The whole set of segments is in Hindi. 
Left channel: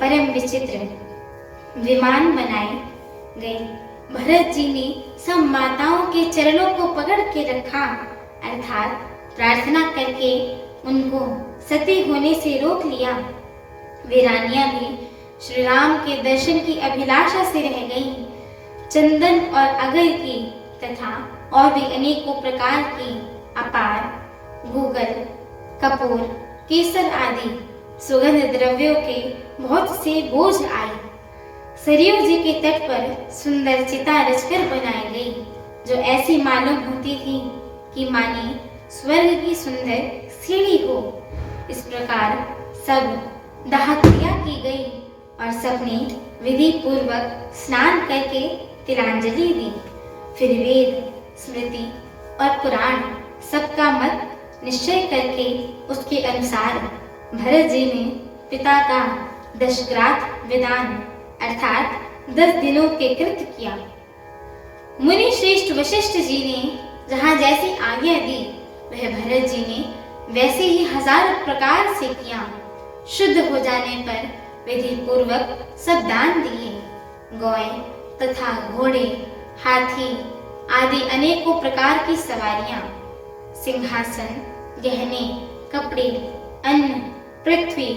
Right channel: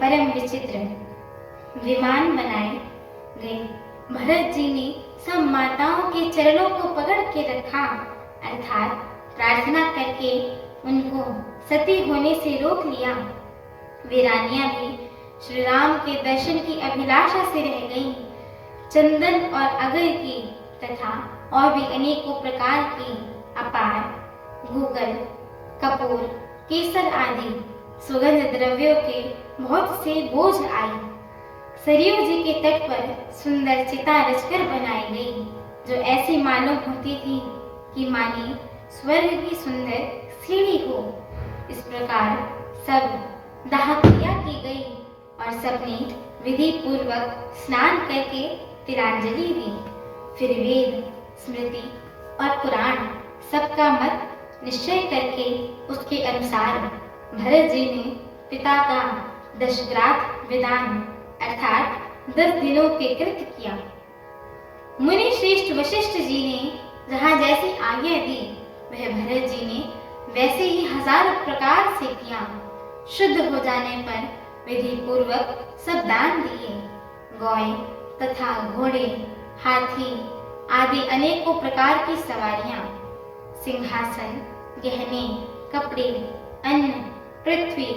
परम विचित्र विमान बनाए गए। भरत जी ने सब माताओं के चरणों को पकड़ के रखा, अर्थात प्रार्थना करके उनको सती होने से रोक लिया। वे रानियां भी श्री राम के दर्शन की अभिलाषा से रह गईं। चंदन और अगर की तथा और भी अनेकों प्रकार की अपार गूगल, कपूर, केसर आदि सुगंध द्रव्यों के बहुत से बोझ आए। सरयू जी के तट पर सुंदर चिता रचकर बनाई गई, जो ऐसी मालूम होती थी कि माने स्वर्ग की सुंदर सीढ़ी हो। इस प्रकार सब दाह क्रिया की गई और सबने विधि पूर्वक स्नान करके तिलांजलि दी। फिर वेद, स्मृति और पुराण सबका मत निश्चय करके उसके अनुसार भरत जी ने पिता का दशग्राथ विधान अर्थात 10 दिनों के कृत्य किया। मुनि श्रेष्ठ वशिष्ठ जी ने जहाँ जैसी आज्ञा दी, वह भरत जी ने वैसे ही 1000 प्रकार से किया। शुद्ध हो जाने पर विधि पूर्वक सब दान दिए। गौएं तथा घोड़े, हाथी आदि अनेकों प्रकार की सवारियां, सिंहासन, गहने, कपड़े, अन्न, पृथ्वी,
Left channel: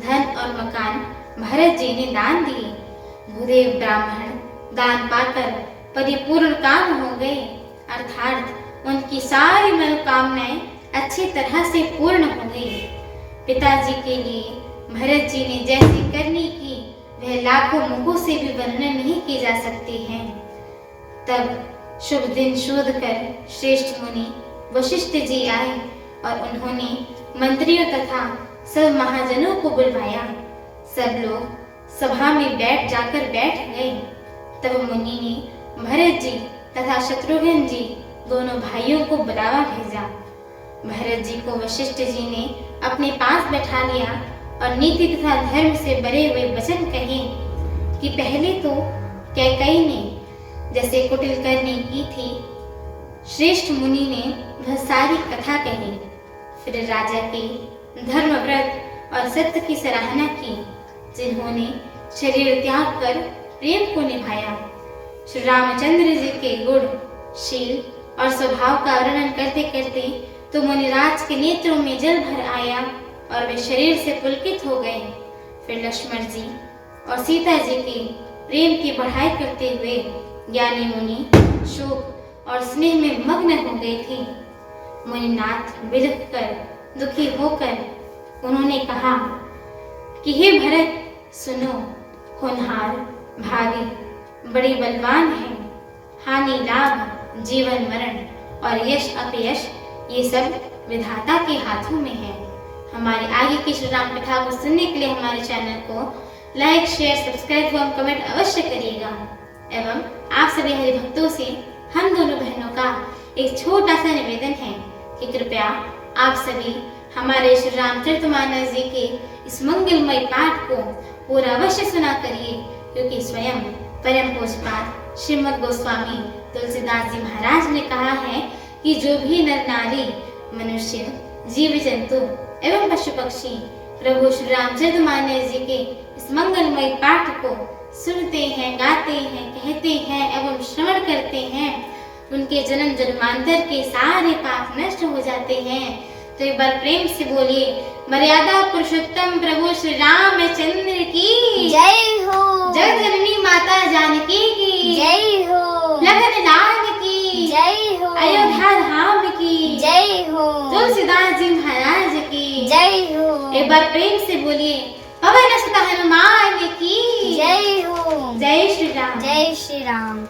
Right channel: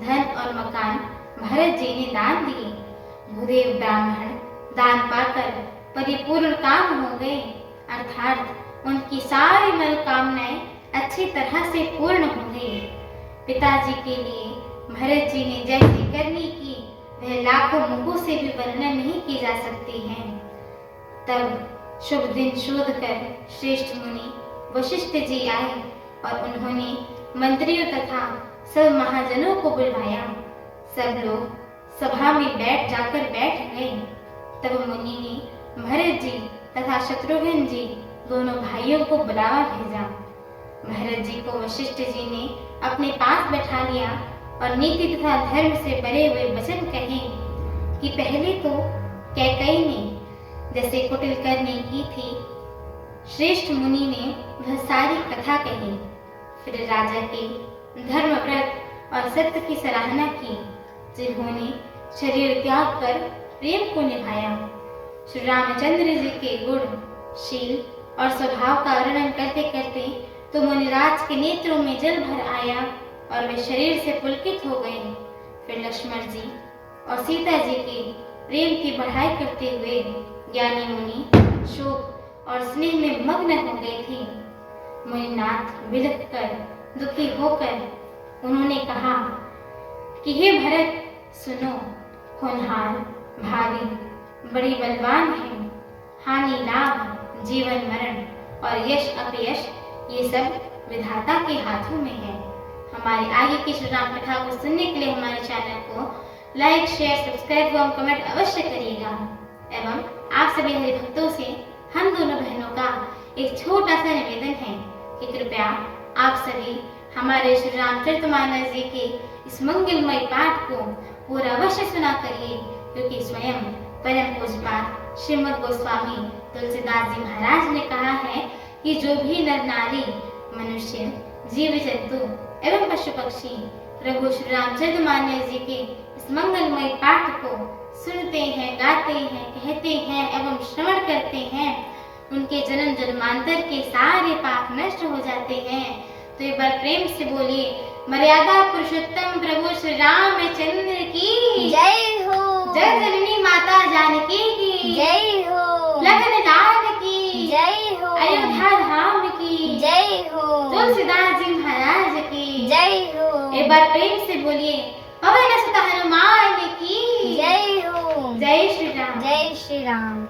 धन और मकान भरत जी ने दान दिए। भूदेव ब्राह्मण दान पाकर परिपूर्ण काम हो गए, अर्थात उनकी सारी मनोकामनाएं अच्छी तरह से पूर्ण हो गई। पिताजी के लिए भरत जी ने जैसी करनी की, वह लाखों मुखों से भी वर्णन नहीं की जा सकती है। तब शुभ दिन शोध कर श्रेष्ठ मुनि वशिष्ठ जी आए और उन्होंने मंत्रियों तथा सब महाजनों को बुलवाया। सब लोग सभा में जाकर बैठ गए। तब मुनि ने भरत जी तथा शत्रुघ्न जी दोनों भाइयों को बुलावा भेजा। भरत जी को वशिष्ठ जी ने अपने पास बैठा लिया और नीति तथा धर्म से भरे हुए वचन कहे कि पहले तो कैकेयी ने जैसे कुटिल करनी की थी, श्रेष्ठ मुनि ने वह सारी कथा कही। फिर राजा के धर्म, व्रत और सत्य की सराहना की, जिन्होंने शरीर त्याग कर प्रेम को निभाया। श्री रामचंद्र जी के गुण, शील और स्वभाव का वर्णन करते करते तो मुनिराज के नेत्रों में जल भर आया और वे शरीर से पुलकित हो गए। फिर लक्ष्मण जी और सीता जी के प्रेम की बढ़ाई करते हुए ज्ञानी मुनि शोक और स्नेह में मग्न हो गए थे। मुनिनाथ विलख कर दुखी होकर उन्होंने कहा कि हे भरत, सुनो, होनहार भागी बड़ी बलवान है। हानि लाभ, जीवन मरण और यश अपयश ये सब विधाता के हाथों में है। हमारे आगे की श्री राम कथा को सुनने के लिए हमारे चैनल को लाइक, शेयर, सब्सक्राइब एवं कमेंट अवश्य करिएगा। एवं आप सभी हरि भक्तों से हम दोनों बहनों का एक छोटा सा निवेदन है कि कृपया आप सभी हमारे श्री रामचरितमानस जी के इस मंगलमय पाठ को पूरा अवश्य सुना करिए, क्योंकि स्वयं परम पूज्यपाद श्रीमद् गोस्वामी तुलसीदास जी महाराज ने कहा है कि जो भी नर नारी, मनुष्य, जीव जंतु एवं पशु पक्षी प्रभु श्री रामचरितमानस जी के इस मंगलमय पाठ को सुनते हैं, गाते हैं, कहते हैं एवं श्रवण करते हैं, उनके जन्म जन्मांतर के सारे पाप नष्ट हो जाते हैं। तो एक बार प्रेम से बोलिए, मर्यादा पुरुषोत्तम प्रभु श्री रामचंद्र की जय हो। जय जननी माता जानकी की जय हो। लखन लाल की जय हो। अयोध्या धाम की जय हो। तुलसीदास जी महाराज की जय हो। एक बार प्रेम से बोलिए, पवन सुत हनुमान की जय हो। जय श्री राम। जय श्री राम।